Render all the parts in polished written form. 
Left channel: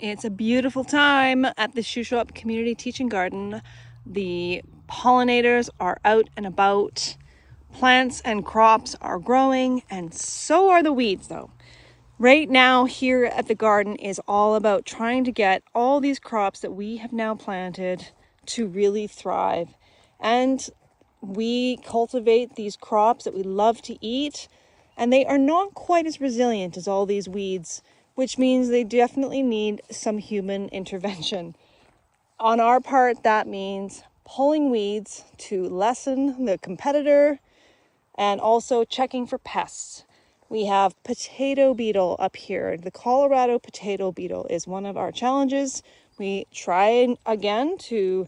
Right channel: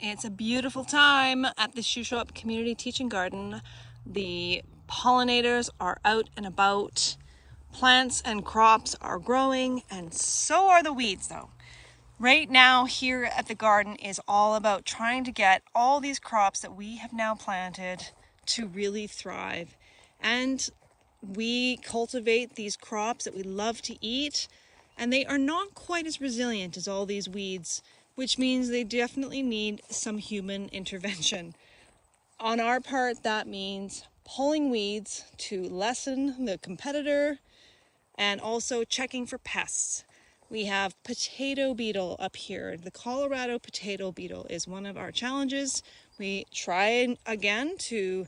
It's a beautiful time at the Shuswap Community Teaching Garden. The pollinators are out and about. Plants and crops are growing, and so are the weeds though. Right now here at the garden is all about trying to get all these crops that we have now planted to really thrive. And we cultivate these crops that we love to eat, and they are not quite as resilient as all these weeds, which means they definitely need some human intervention. On our part, that means pulling weeds to lessen the competitor and also checking for pests. We have potato beetle up here. The Colorado potato beetle is one of our challenges. We try again to,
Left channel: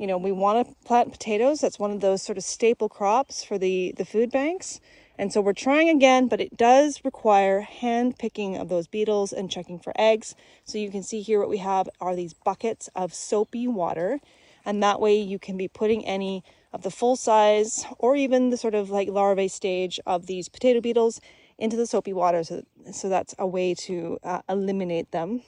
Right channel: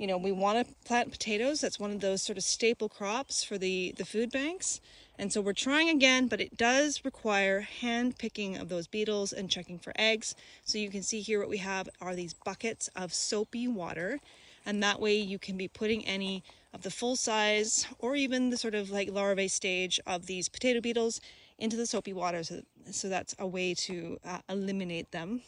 we want to plant potatoes. That's one of those sort of staple crops for the food banks. And so we're trying again, but it does require hand picking of those beetles and checking for eggs. So you can see here what we have are these buckets of soapy water. And that way you can be putting any of the full size or even the sort of like larvae stage of these potato beetles into the soapy water. So that's a way to eliminate them.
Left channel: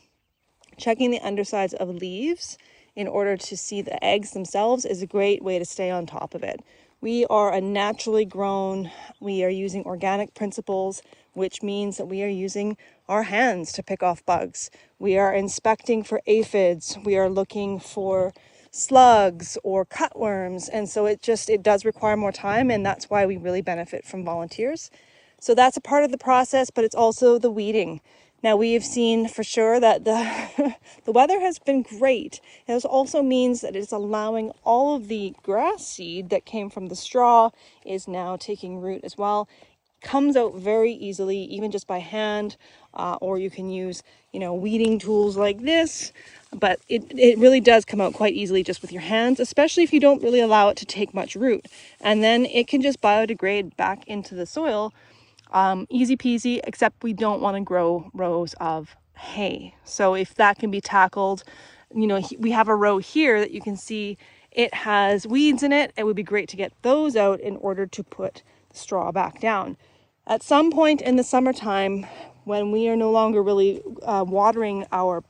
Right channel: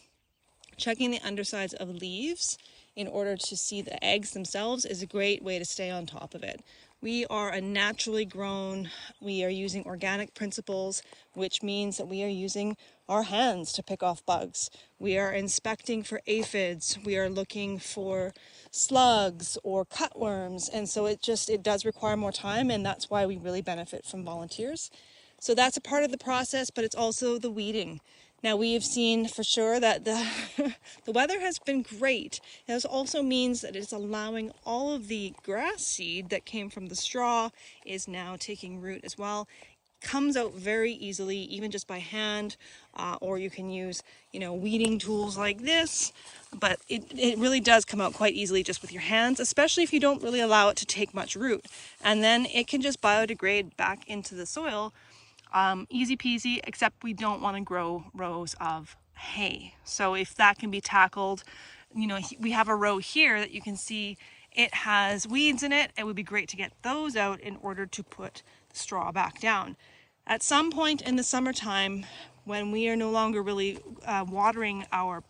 Checking the undersides of leaves in order to see the eggs themselves is a great way to stay on top of it. We are a naturally grown, we are using organic principles, which means that we are using our hands to pick off bugs. We are inspecting for aphids. We are looking for slugs or cutworms. And so it does require more time, and that's why we really benefit from volunteers. So that's a part of the process, but it's also the weeding. Now we have seen for sure that the weather has been great. This also means that it's allowing all of the grass seed that came from the straw is now taking root as well. Comes out very easily, even just by hand, or you can use, weeding tools like this. But it really does come out quite easily just with your hands, especially if you don't really allow it to take much root. And then it can just biodegrade back into the soil. Easy peasy, except we don't want to grow rows of hay. So if that can be tackled, we have a row here that you can see it has weeds in it. It would be great to get those out in order to put the straw back down. At some point in the summertime, when we are no longer really watering our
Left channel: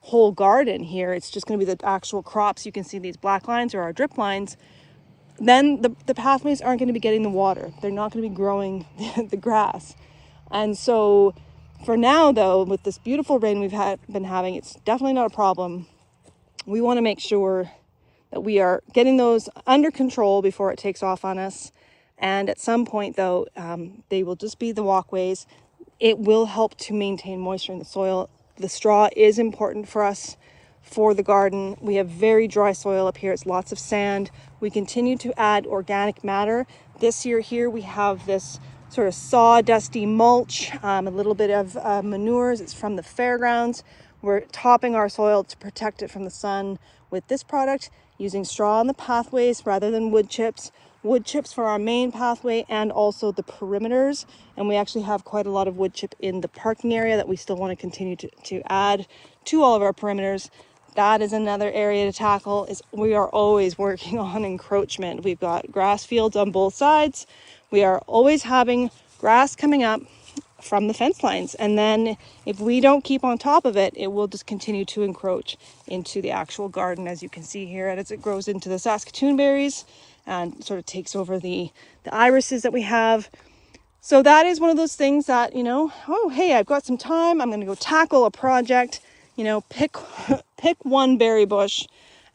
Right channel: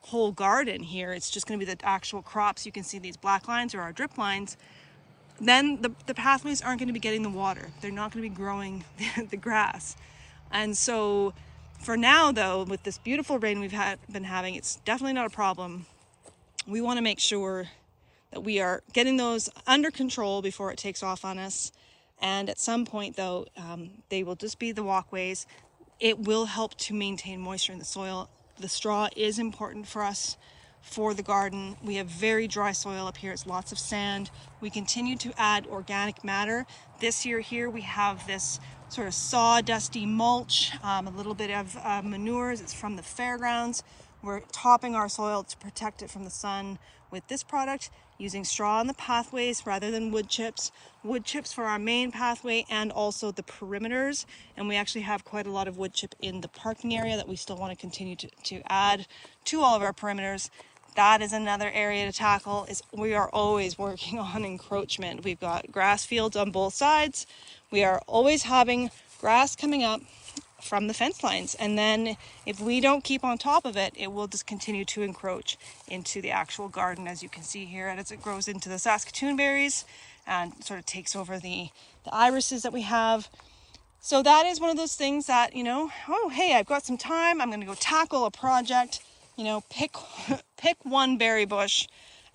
whole garden here, it's just going to be the actual crops. You can see these black lines are our drip lines. Then the pathways aren't going to be getting the water. They're not going to be growing the grass. And so for now, though, with this beautiful rain we've been having, it's definitely not a problem. We want to make sure that we are getting those under control before it takes off on us. And at some point, though, they will just be the walkways. It will help to maintain moisture in the soil. The straw is important for us for the garden. We have very dry soil up here. It's lots of sand. We continue to add organic matter. This year here we have this sort of sawdusty mulch, a little bit of manures. It's from the fairgrounds. We're topping our soil to protect it from the sun with this product, using straw on the pathways rather than wood chips. Wood chips for our main pathway and also the perimeters. And we actually have quite a lot of wood chip in the parking area that we still want to continue to add to all of our perimeters. That is another area to tackle. We are always working on encroachment. We've got grass fields on both sides. We are always having grass coming up from the fence lines. And then if we don't keep on top of it, it will just continue to encroach into the actual garden, as you can see here, as it grows into the Saskatoon berries and sort of takes over the irises that we have. So that is one of those things that, oh, hey, I've got some time. I'm going to go tackle a project. Pick one berry bush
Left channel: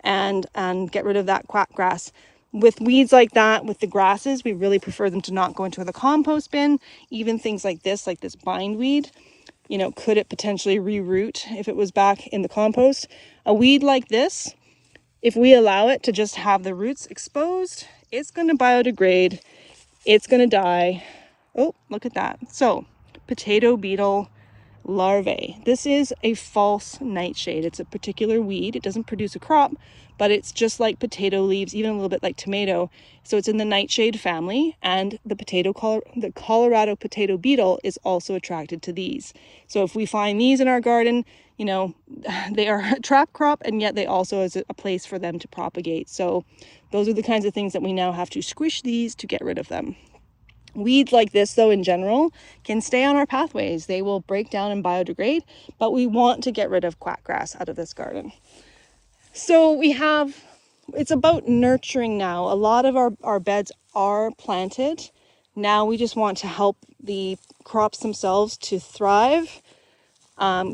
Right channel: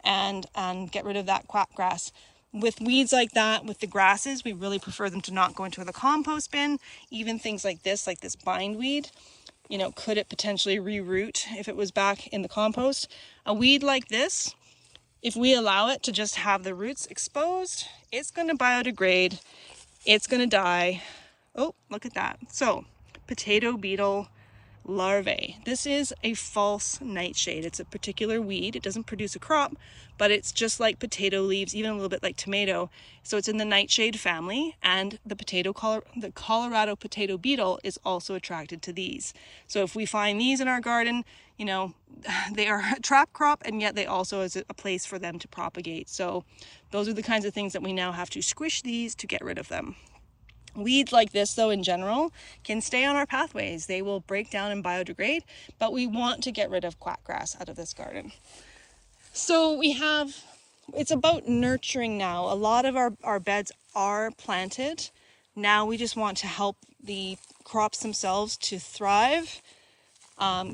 and get rid of that quack grass. With weeds like that, with the grasses, we really prefer them to not go into the compost bin. Even things like this bindweed, could it potentially reroot if it was back in the compost? A weed like this, if we allow it to just have the roots exposed, it's going to biodegrade. It's going to die. Oh, look at that. So, potato beetle larvae. This is a false nightshade. It's a particular weed. It doesn't produce a crop, but it's just like potato leaves, even a little bit like tomato. So it's in the nightshade family, and the Colorado potato beetle is also attracted to these. So if we find these in our garden, they are a trap crop, and yet they also is a place for them to propagate. So those are the kinds of things that we now have to squish these to get rid of them. Weeds like this, though, in general, can stay on our pathways. They will break down and biodegrade, but we want to get rid of quackgrass out of this garden. So it's about nurturing now. A lot of our beds are planted. Now we just want to help the crops themselves to thrive,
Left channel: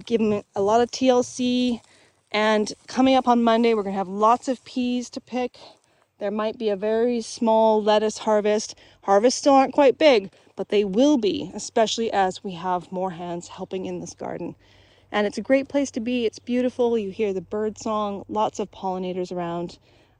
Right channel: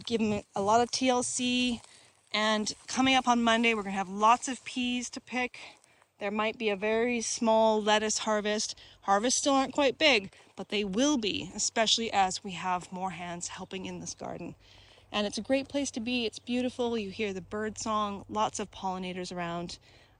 give them a lot of TLC. And coming up on Monday, we're going to have lots of peas to pick. There might be a very small lettuce harvest. Harvests still aren't quite big, but they will be, especially as we have more hands helping in this garden. And it's a great place to be. It's beautiful. You hear the bird song, lots of pollinators around.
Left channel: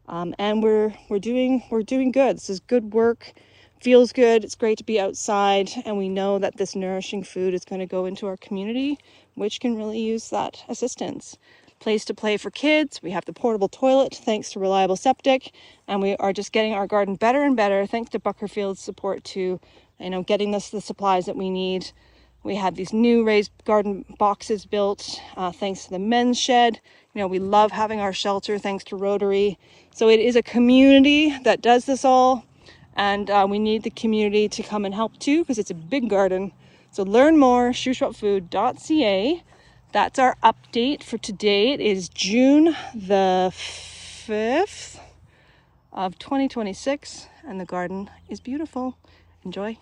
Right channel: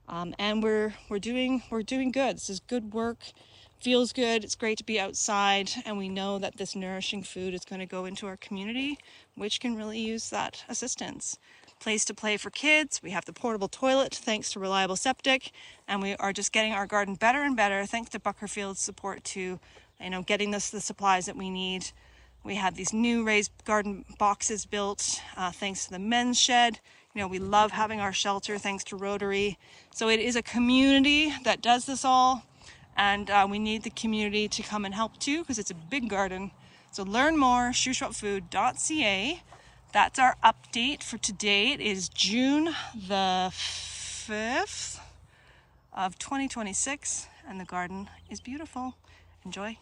And we're doing good. This is good work. Feels good. It's great to be outside, and we know that this nourishing food is going to go into our community, which can really use that assistance. Place to play for kids. We have the portable toilet thanks to Reliable Septic, and we are just getting our garden better and better thanks to Buckerfield's support to, getting us the supplies that we need. We had these new raised garden boxes built thanks to the men's shed. We love having our shelter thanks to Rotary. So it is a community that does this all, and we need the community to come and help too, because it's a big garden. So learn more, shuswapfood.ca. That's our update for today. It is June the 5th of 2026, and the garden is beautiful. Enjoy.